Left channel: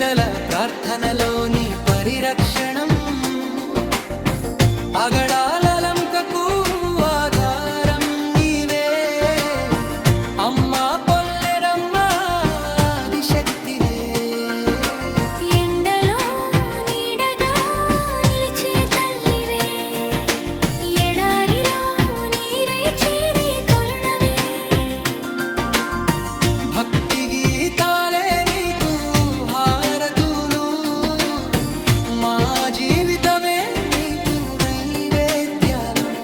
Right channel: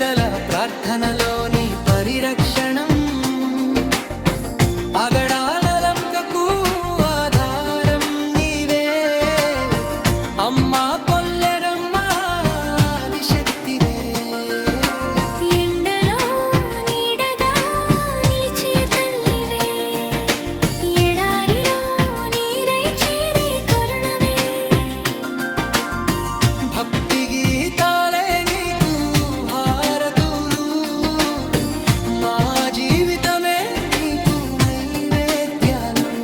పెద్దల ప్రార్థనలోని పరిరక్షణం అగడాలలంకకు ఆధారం నీవే అమ్మా పొల్లెరమ్మ ఆదిశక్తివే ఎండలో నీడగా నిలిచే తల్లివే ఎడారిలో నీరై చేరే కరుణవే భక్తి గీతాలే నీకు హారతులు మా జీవితమే నీకు నైవేద్యాలు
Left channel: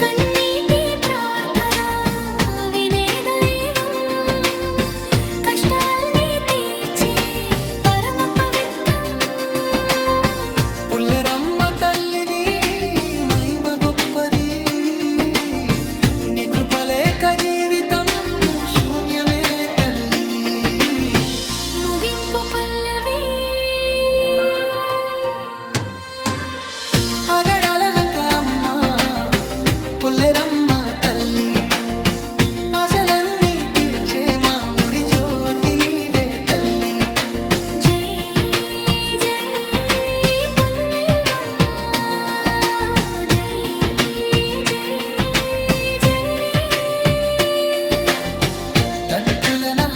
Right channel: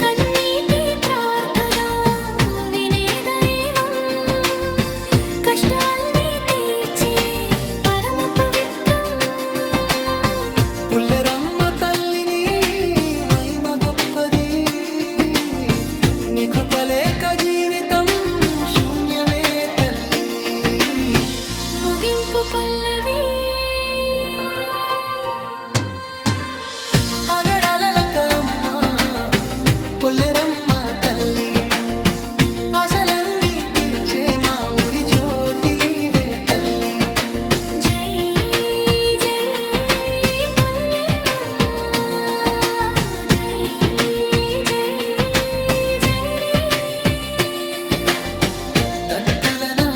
కన్నీటి ప్రార్థన వినే దైవం కష్టాల్ని తీర్చే పరమ పవిత్రం పుల్లెరమ్మ తల్లిని మహిమ గొప్పది నీ కృపలేక జీవితం శూన్యమే తల్లి ముగింపు పల్లవి అగడాలనంక అమ్మ పొల్లెరమ్మ తల్లి ఆశలన్నీ తీర్చే మా ఊరి జ్యోతి నీవే తల్లి జై జై పొల్లెరమ్మ జై జై జనని తట్టుల నా